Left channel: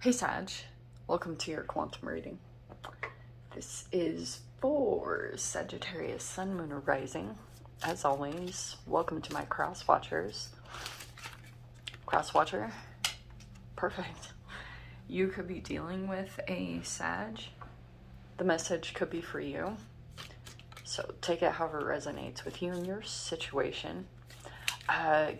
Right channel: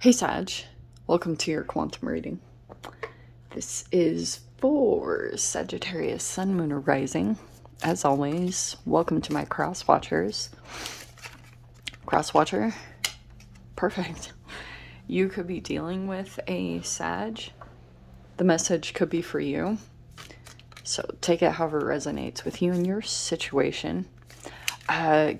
Hey Sag, welcome to your quantum reading. This is for Sagittarius, Sun, Moon, or Rising. As always, welcome to my cross watchers. Cross watcher, perfect. You could be dealing with a Sag. The message could be for you. So take it however it resonates with you and your situation.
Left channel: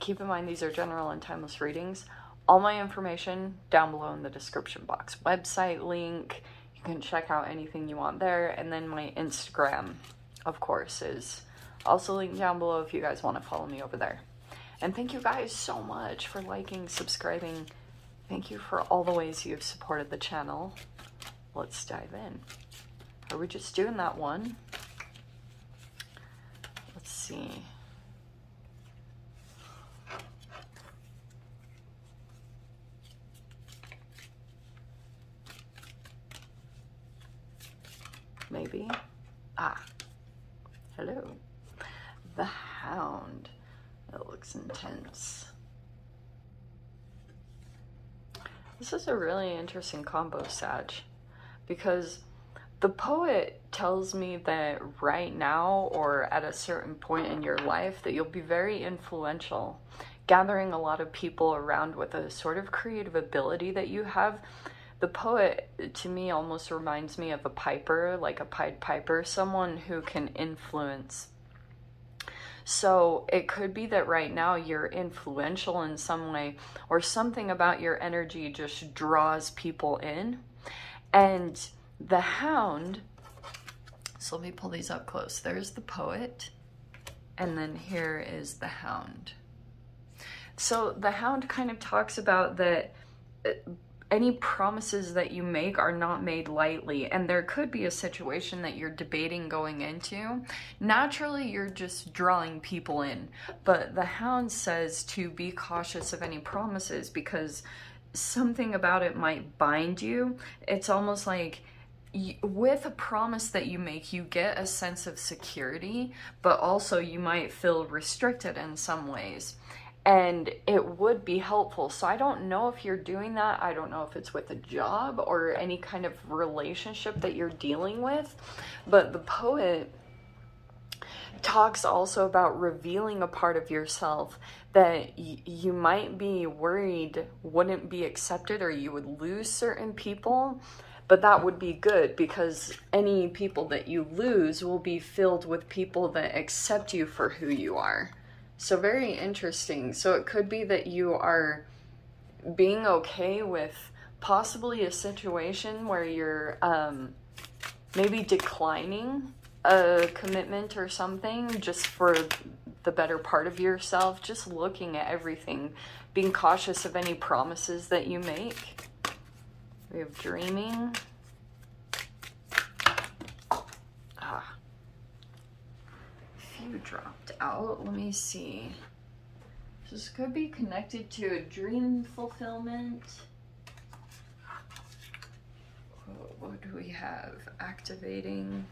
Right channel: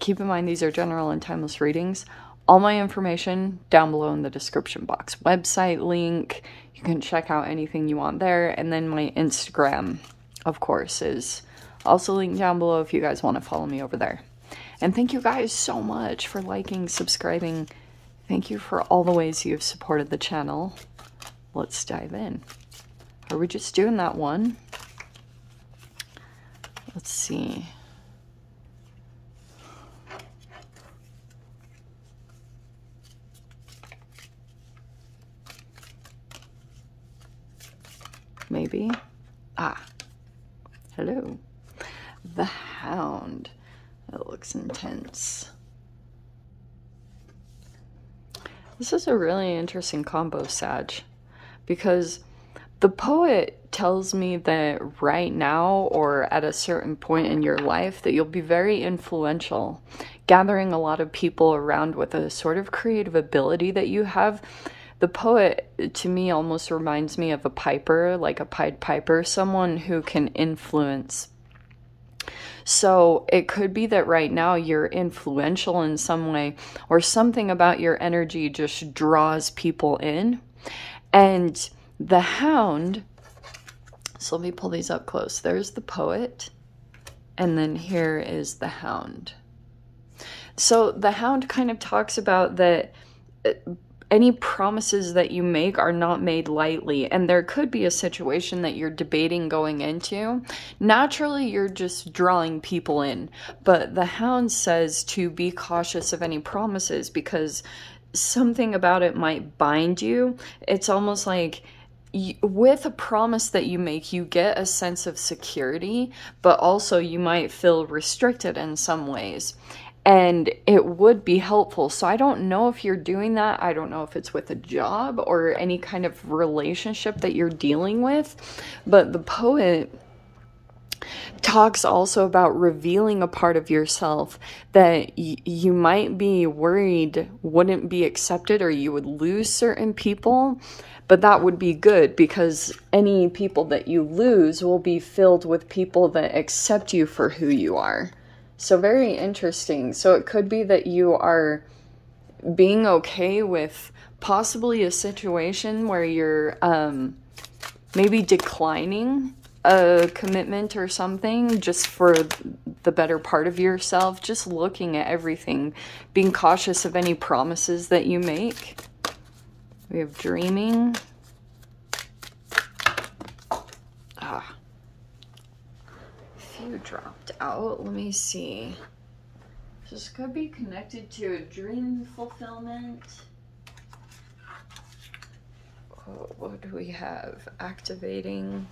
Keep in mind these are general and timeless readings. All my information down below in the description box. Website link, you can check out anything you want there. And then my Instagram, of course, is also linked down below if you guys want to follow me over there. And thank you guys so much for liking, subscribing. Thank you for all the ways you've supported the channel. Let's dive in. Are we just doing that one? Let's see. Maybe. Hello. The Hound. That looks intense. This is a really interesting combo, Sag, because the poet tells me that right now, or at a certain point in your life, that you'll be very influential, gathering a lot of people around with a sort of creative ability that you have. The poet, to me, almost reminds me of a piper, like a Pied Piper, someone who can influence. So it could be that right now you're influential in some way, or something about your energy just draws people in. And the Hound, so let me pull these up close. There's the poet, and then here is the Hound. So the Hound kind of talks about that any promises that you make are not made lightly, and there could be a situation that you're debating going into. Naturally, you're just drawing people in, but the Hound says to be cautious of any promises because something about it might bind you. It's almost like with a promise that you make, you get a sense of security, but also you might feel restricted in some ways. And it would be helpful. So I don't know if you're doing that. I don't know if it's with a job or any kind of relationship that you're dealing with. But the poet talks also about revealing a part of yourself that you might be worried wouldn't be accepted, or you would lose certain people. But that would be good, because any people that you lose will be filled with people that accept you for who you are. So very interesting. So it could be that you are being okay with possibly a situation where you're maybe declining a commitment or something just for the better part of yourself, just looking at everything, being cautious of any promises that you make. We have dreaming. Few dropped out. Let me see. This could be connected to a dream fulfillment. Oh, what do we have? Activating.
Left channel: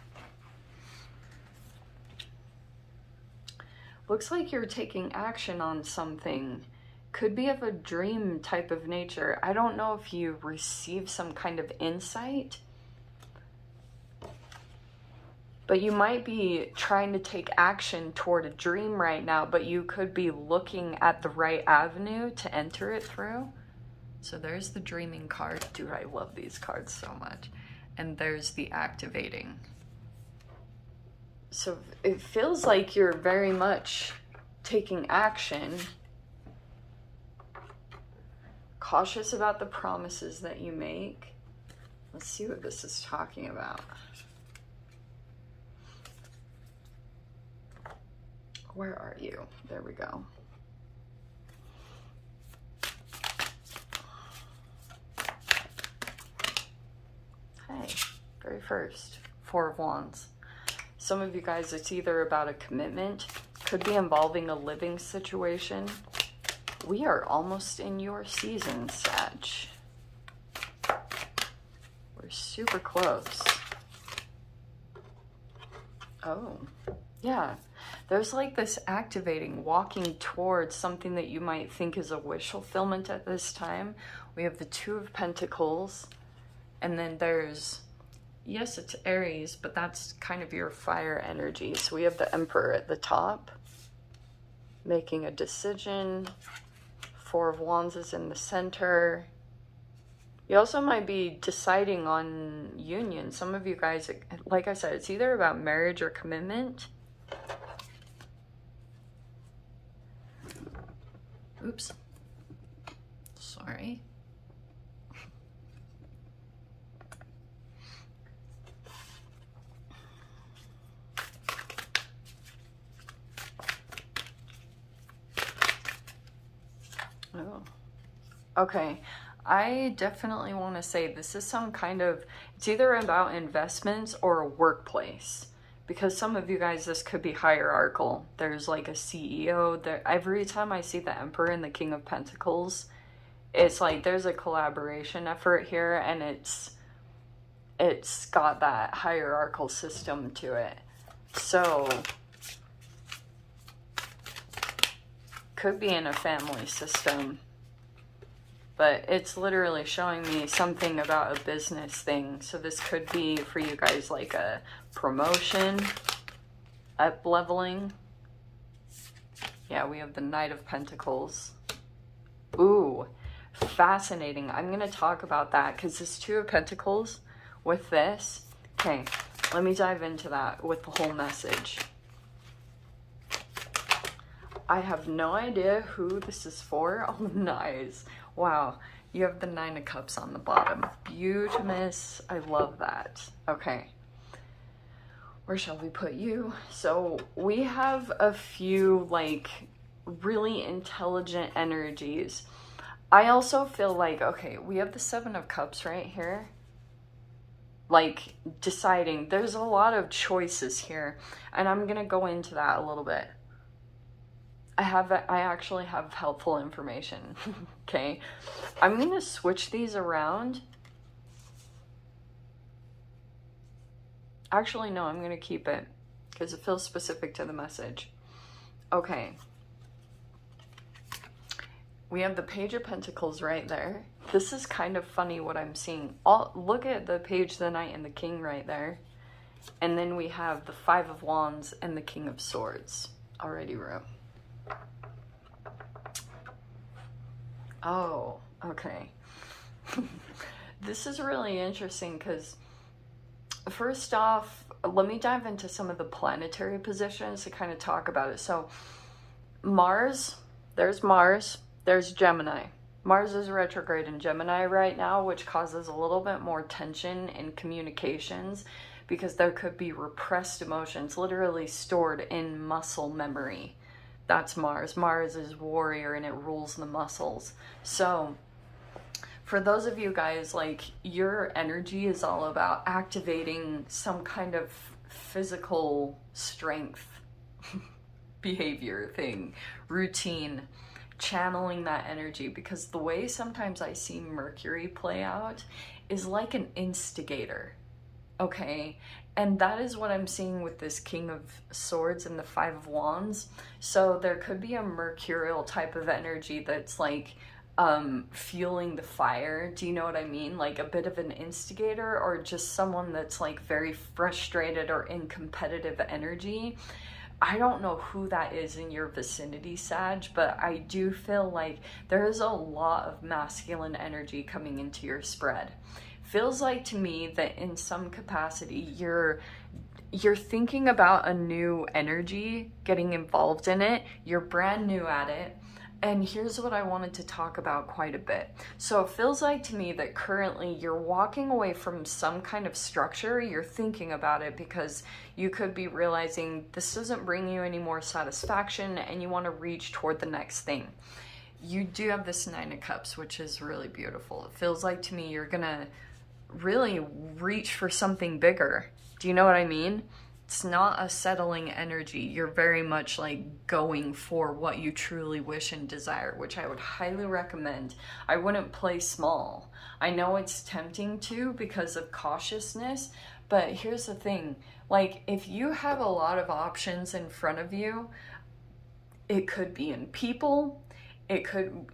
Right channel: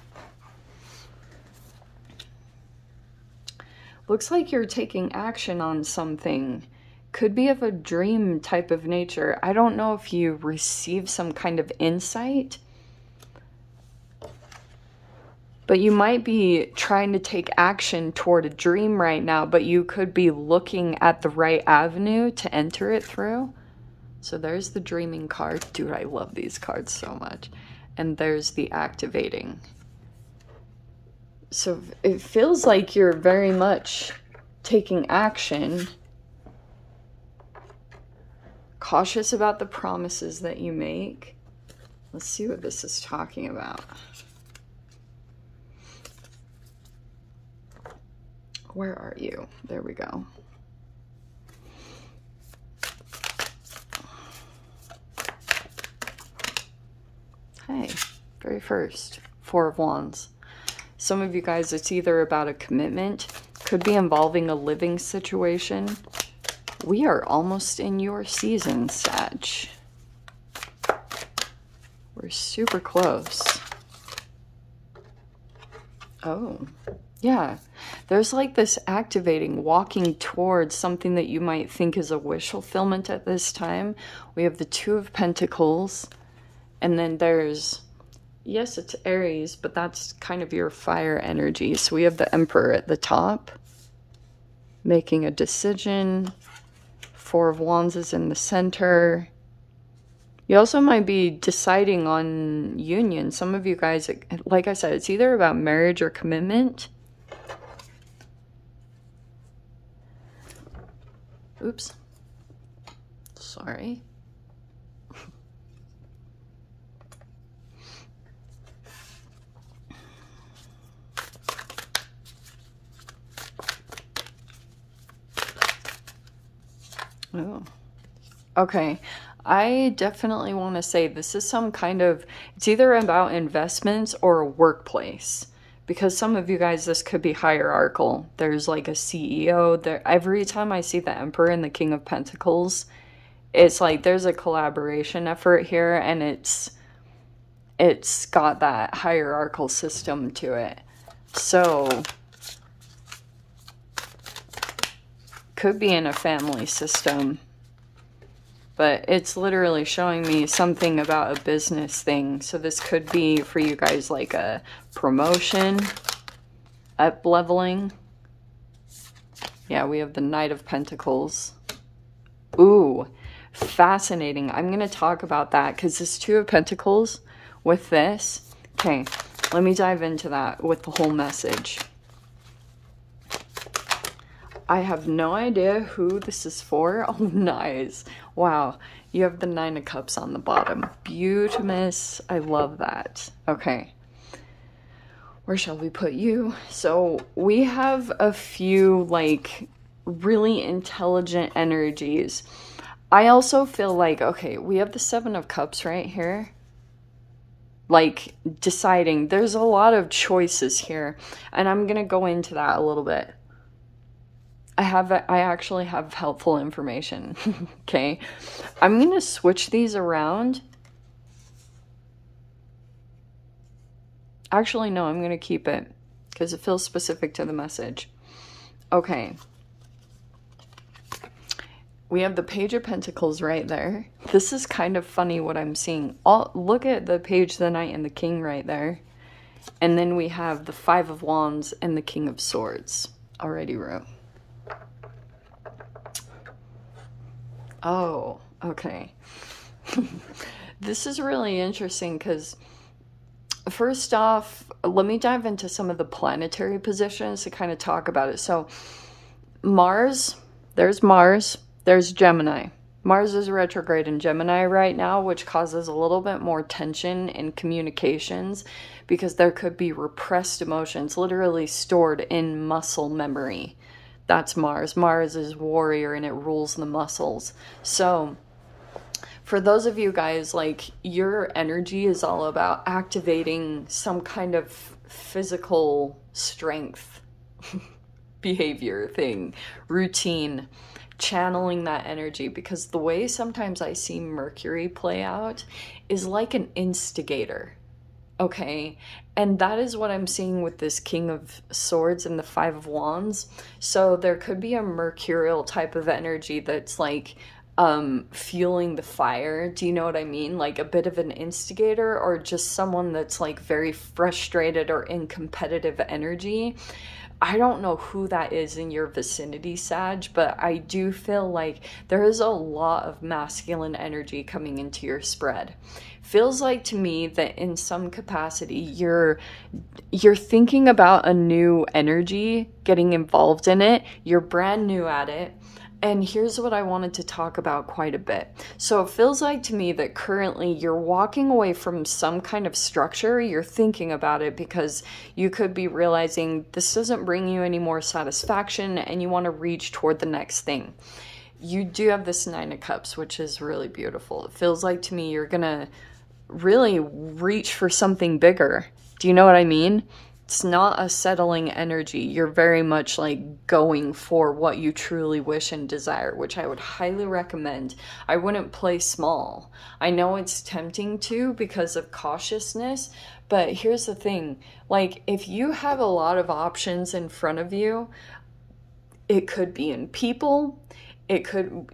Looks like you're taking action on something. Could be of a dream type of nature. I don't know if you receive some kind of insight, but you might be trying to take action toward a dream right now, but you could be looking at the right avenue to enter it through. So there's the dreaming card. Dude, I love these cards so much. And there's the activating. So it feels like you're very much taking action. Cautious about the promises that you make. Let's see what this is talking about. Where are you? There we go. Hey, very first, Four of Wands. Some of you guys, it's either about a commitment, could be involving a living situation. We are almost in your season, Sag. We're super close. Oh, yeah. There's like this activating, walking towards something that you might think is a wish fulfillment at this time. We have the Two of Pentacles, and then there's, yes, it's Aries, but that's kind of your fire energy. So we have the Emperor at the top, making a decision. Four of Wands is in the center. You also might be deciding on union. Some of you guys, like I said, it's either about marriage or commitment. Oops. Sorry. Oh. Okay. I definitely want to say this is some kind of, it's either about investments or a workplace. Because some of you guys, this could be hierarchical. There's like a CEO there. Every time I see the Emperor and the King of Pentacles, it's like there's a collaboration effort here, and it's got that hierarchical system to it. So could be in a family system, but it's literally showing me something about a business thing. So this could be for you guys like a promotion, up leveling. Yeah, we have the Knight of Pentacles. Ooh, fascinating. I'm going to talk about that because this Two of Pentacles with this. Okay, let me dive into that with the whole message. I have no idea who this is for. Oh, nice. Wow. You have the Nine of Cups on the bottom. Beautimous. I love that. Okay. Where shall we put you? So we have a few like really intelligent energies. I also feel like, okay, we have the Seven of Cups right here. Like deciding. There's a lot of choices here. And I'm going to go into that a little bit. I actually have helpful information. Okay. I'm going to switch these around. Actually, no, I'm going to keep it because it feels specific to the message. Okay. We have the Page of Pentacles right there. This is kind of funny what I'm seeing. Look at the Page, the Knight, and the King right there. And then we have the Five of Wands and the King of Swords. Already wrote. Oh, okay. This is really interesting because first off, let me dive into some of the planetary positions to kind of talk about it. So Mars, there's Gemini. Mars is retrograde in Gemini right now, which causes a little bit more tension in communications because there could be repressed emotions literally stored in muscle memory. That's Mars. Mars is warrior and it rules the muscles. So for those of you guys, like your energy is all about activating some kind of physical strength behavior thing, routine, channeling that energy, because the way sometimes I see Mercury play out is like an instigator. Okay, and that is what I'm seeing with this King of Swords and the Five of Wands. So there could be a mercurial type of energy that's like fueling the fire. Do you know what I mean? Like a bit of an instigator, or just someone that's like very frustrated or in competitive energy. I don't know who that is in your vicinity, Sag, but I do feel like there is a lot of masculine energy coming into your spread. Feels like to me that in some capacity you're thinking about a new energy, getting involved in it, you're brand new at it. And here's what I wanted to talk about quite a bit. So it feels like to me that currently you're walking away from some kind of structure. You're thinking about it because you could be realizing this doesn't bring you any more satisfaction and you want to reach toward the next thing. You do have this Nine of Cups, which is really beautiful. It feels like to me you're going to really reach for something bigger. Do you know what I mean? It's not a settling energy. You're very much like going for what you truly wish and desire, which I would highly recommend. I wouldn't play small. I know it's tempting to because of cautiousness, But here's the thing, like, if you have a lot of options in front of you, it could be in people, it could,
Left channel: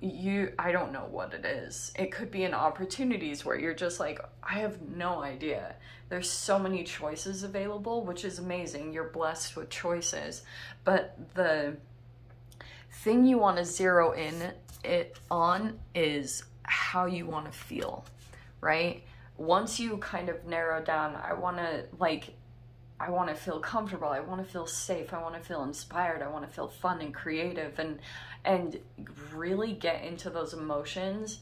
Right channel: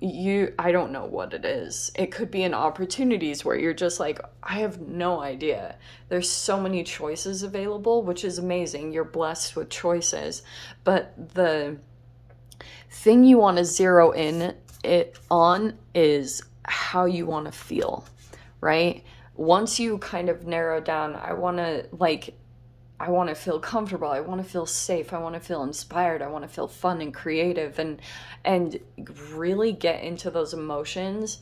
I don't know what it is. It could be in opportunities where you're just like, I have no idea. There's so many choices available, which is amazing. You're blessed with choices. But the thing you want to zero in it on is how you want to feel, right? Once you kind of narrow down, I want to feel comfortable, I want to feel safe, I want to feel inspired, I want to feel fun and creative, and really get into those emotions.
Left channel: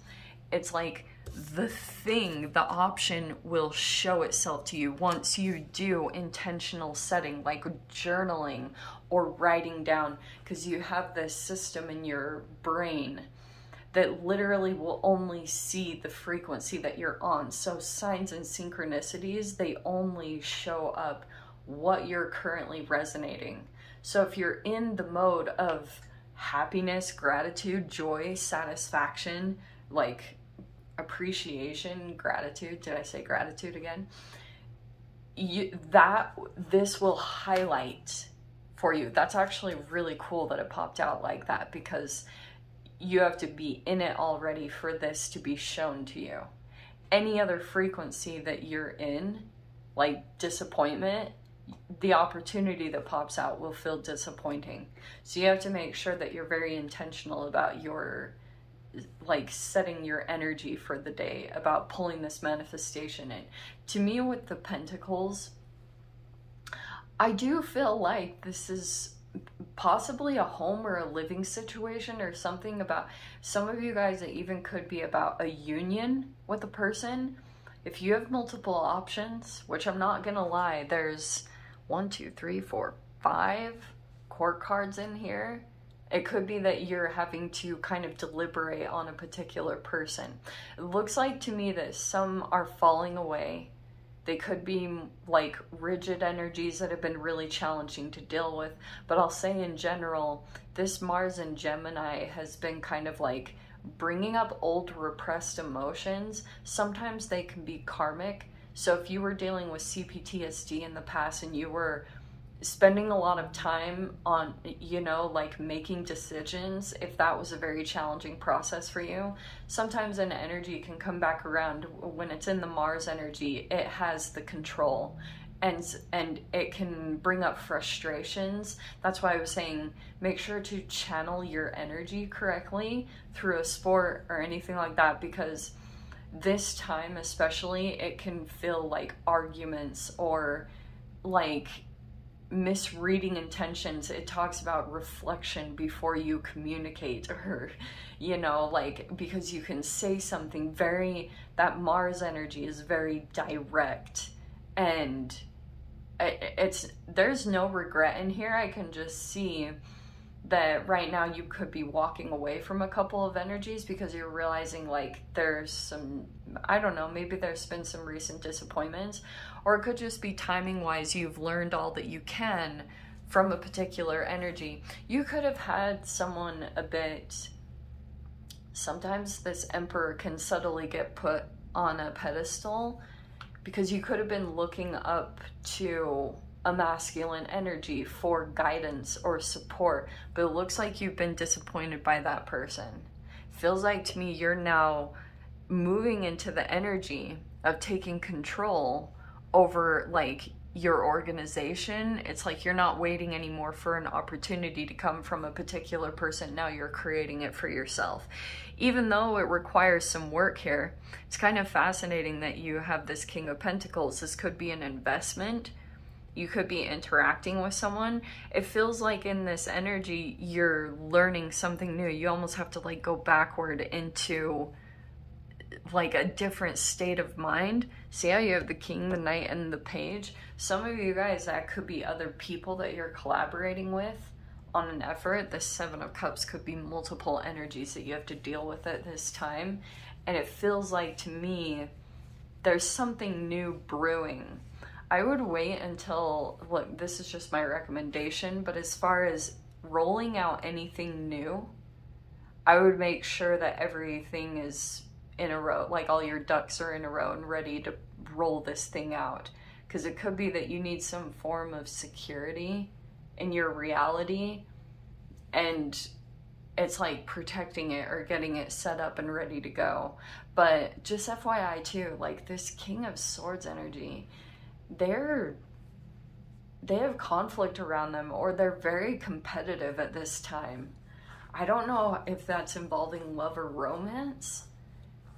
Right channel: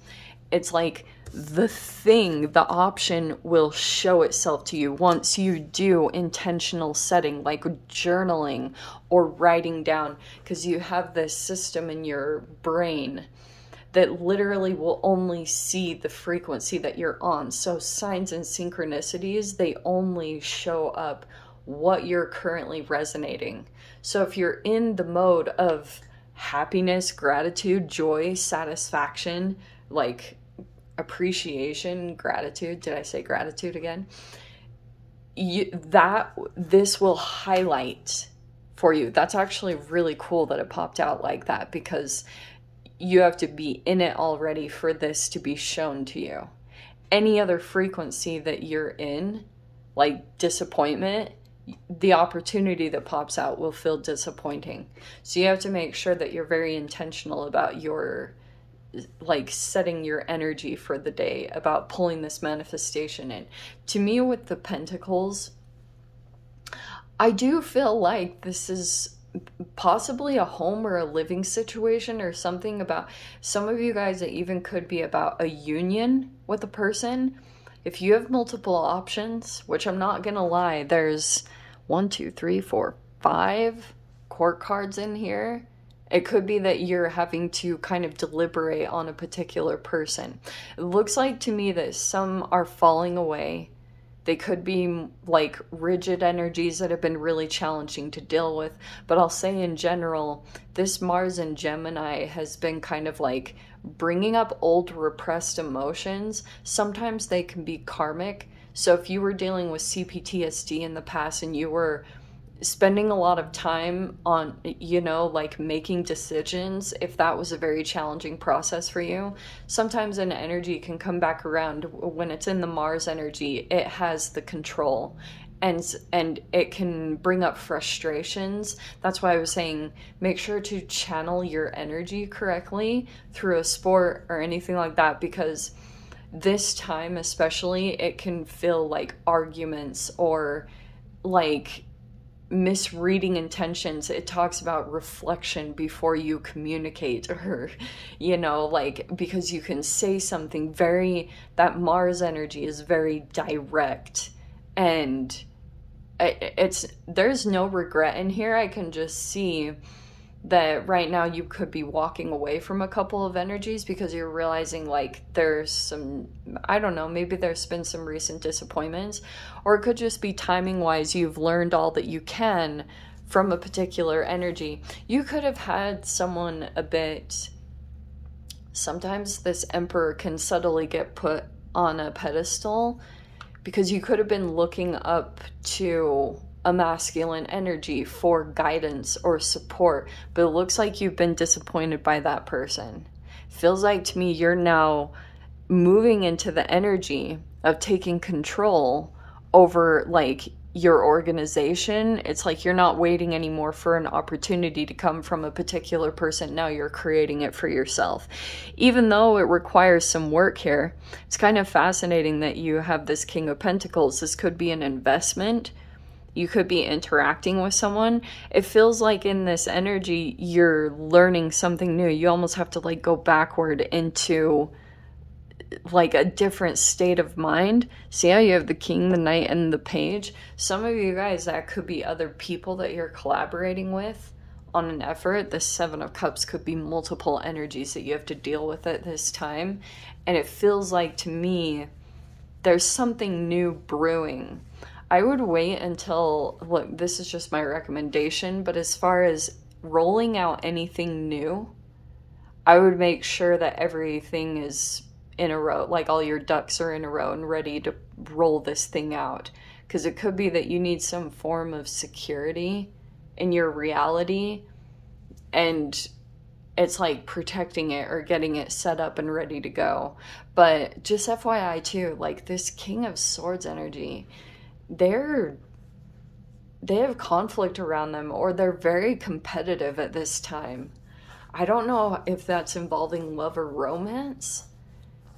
It's like the option will show itself to you once you do intentional setting, like journaling or writing down, because you have this system in your brain that literally will only see the frequency that you're on. So signs and synchronicities, they only show up what you're currently resonating. So if you're in the mode of happiness, gratitude, joy, satisfaction, like appreciation, gratitude, did I say gratitude again? This will highlight for you. That's actually really cool that it popped out like that, because you have to be in it already for this to be shown to you. Any other frequency that you're in, like disappointment, the opportunity that pops out will feel disappointing. So you have to make sure that you're very intentional about your, like, setting your energy for the day, about pulling this manifestation in. To me, with the Pentacles, I do feel like this is possibly a home or a living situation, or something about some of you guys. It even could be about a union with a person. If you have multiple options, which I'm not gonna lie, there's 1, 2, 3, 4, 5 court cards in here. It could be that you're having to kind of deliberate on a particular person. It looks like to me that some are falling away. They could be like rigid energies that have been really challenging to deal with. But I'll say in general, this Mars in Gemini has been kind of like bringing up old repressed emotions. Sometimes they can be karmic. So if you were dealing with CPTSD in the past and you were spending a lot of time on, you know, like making decisions, if that was a very challenging process for you, sometimes an energy can come back around. When it's in the Mars energy, it has the control, and it can bring up frustrations. That's why I was saying, make sure to channel your energy correctly through a sport or anything like that, because this time especially, it can feel like arguments or like misreading intentions. It talks about reflection before you communicate, or, you know, like, because you can say something very, that Mars energy is very direct, and there's no regret in here. I can just see that right now you could be walking away from a couple of energies because you're realizing like there's some, I don't know, maybe there's been some recent disappointments, or it could just be timing wise you've learned all that you can from a particular energy. You could have had someone a bit, sometimes this Emperor can subtly get put on a pedestal because you could have been looking up to a masculine energy for guidance or support, but it looks like you've been disappointed by that person. Feels like to me you're now moving into the energy of taking control over like your organization. It's like you're not waiting anymore for an opportunity to come from a particular person. Now you're creating it for yourself. Even though it requires some work here, it's kind of fascinating that you have this King of Pentacles. This could be an investment. You could be interacting with someone. It feels like in this energy, you're learning something new. You almost have to like go backward into like a different state of mind. See how you have the King, the Knight, and the Page? Some of you guys, that could be other people that you're collaborating with on an effort. The Seven of Cups could be multiple energies that you have to deal with at this time. And it feels like to me, there's something new brewing. I would wait until, look, this is just my recommendation, but as far as rolling out anything new, I would make sure that everything is in a row, like all your ducks are in a row and ready to roll this thing out. because it could be that you need some form of security in your reality, and it's like protecting it or getting it set up and ready to go. But just FYI too, like this King of Swords energy, they have conflict around them, or they're very competitive at this time. I don't know if that's involving love or romance,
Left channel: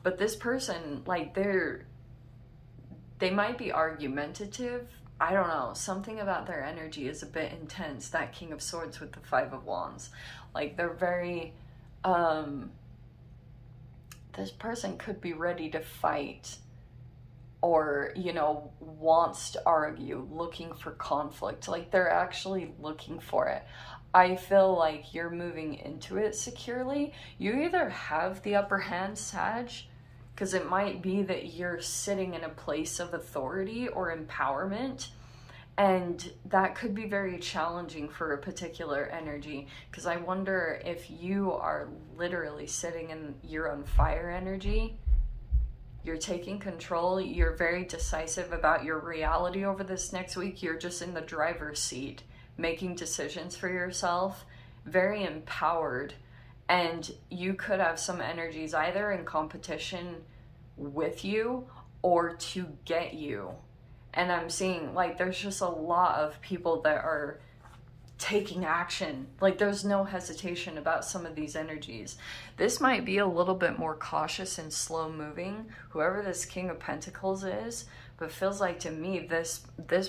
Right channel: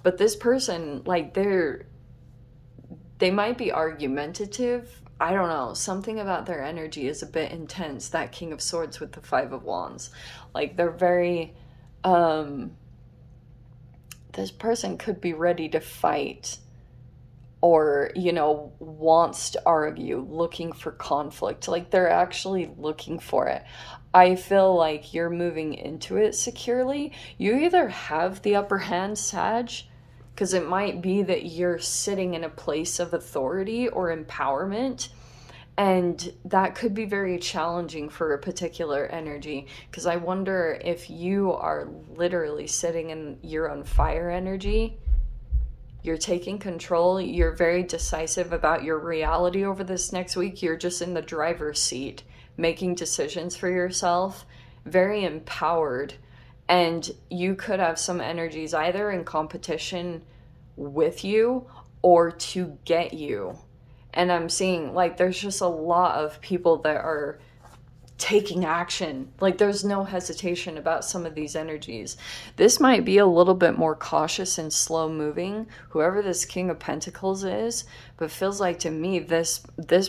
but this person, like, they might be argumentative. I don't know. Something about their energy is a bit intense. That King of Swords with the Five of Wands. Like, they're very, this person could be ready to fight, or, you know, wants to argue, looking for conflict. Like, they're actually looking for it. I feel like you're moving into it securely. You either have the upper hand, Sag, because it might be that you're sitting in a place of authority or empowerment, and that could be very challenging for a particular energy, because I wonder if you are literally sitting in your own fire energy. You're taking control. You're very decisive about your reality over this next week. You're just in the driver's seat, making decisions for yourself, very empowered. And you could have some energies either in competition with you or to get you. And I'm seeing, like, there's just a lot of people that are taking action. Like, there's no hesitation about some of these energies. This might be a little bit more cautious and slow moving, whoever this King of Pentacles is, but feels like to me this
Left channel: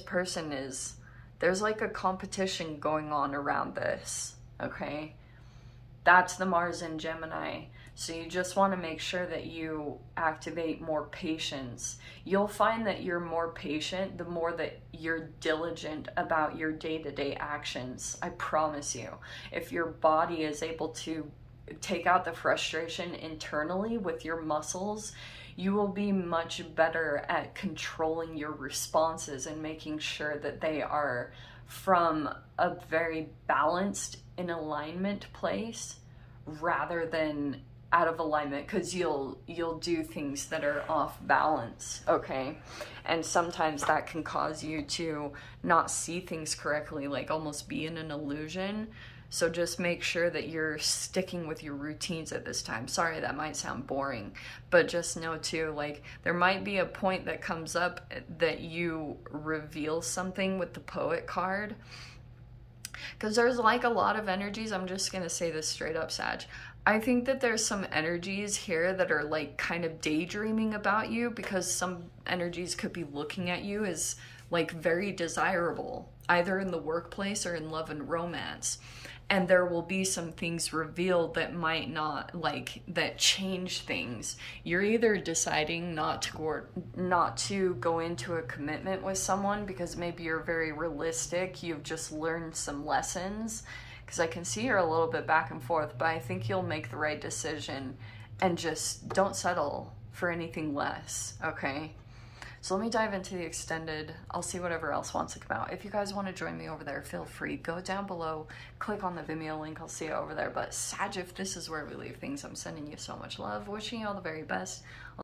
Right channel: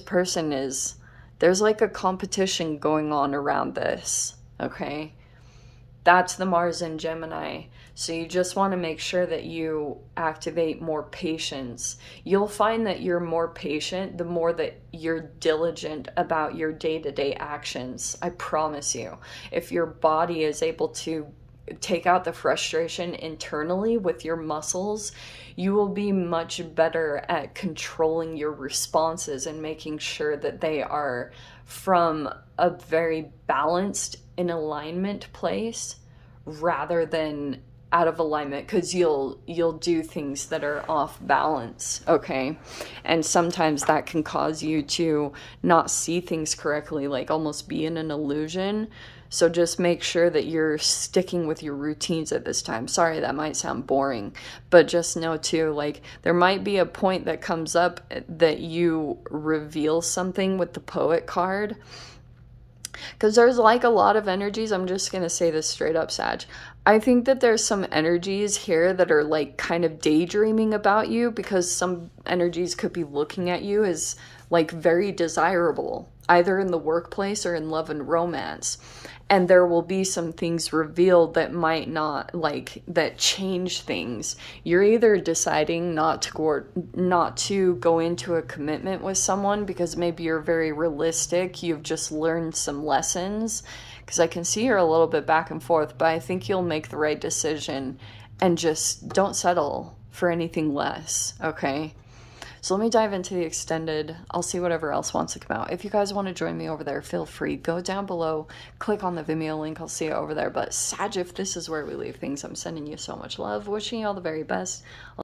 person is, there's like a competition going on around this, okay? That's the Mars in Gemini. So you just want to make sure that you activate more patience. You'll find that you're more patient the more that you're diligent about your day-to-day actions. I promise you. If your body is able to take out the frustration internally with your muscles, you will be much better at controlling your responses and making sure that they are from a very balanced, in alignment place, rather than out of alignment, because you'll do things that are off balance, okay? And sometimes that can cause you to not see things correctly, like almost be in an illusion. So just make sure that you're sticking with your routines at this time. Sorry, that might sound boring, but just know too, like, there might be a point that comes up that you reveal something with the Poet card, because there's like a lot of energies. I'm just gonna say this straight up, Sag. I think that there's some energies here that are like kind of daydreaming about you, because some energies could be looking at you as like very desirable, either in the workplace or in love and romance. And there will be some things revealed that might not, like, that change things. You're either deciding not to go into a commitment with someone because maybe you're very realistic, you've just learned some lessons, because I can see you're a little bit back and forth, but I think you'll make the right decision and just don't settle for anything less, okay? So let me dive into the extended. I'll see whatever else wants to come out. If you guys want to join me over there, feel free. Go down below, click on the Vimeo link. I'll see you over there. But Sag, if this is where we leave things, I'm sending you so much love. Wishing you all the very best.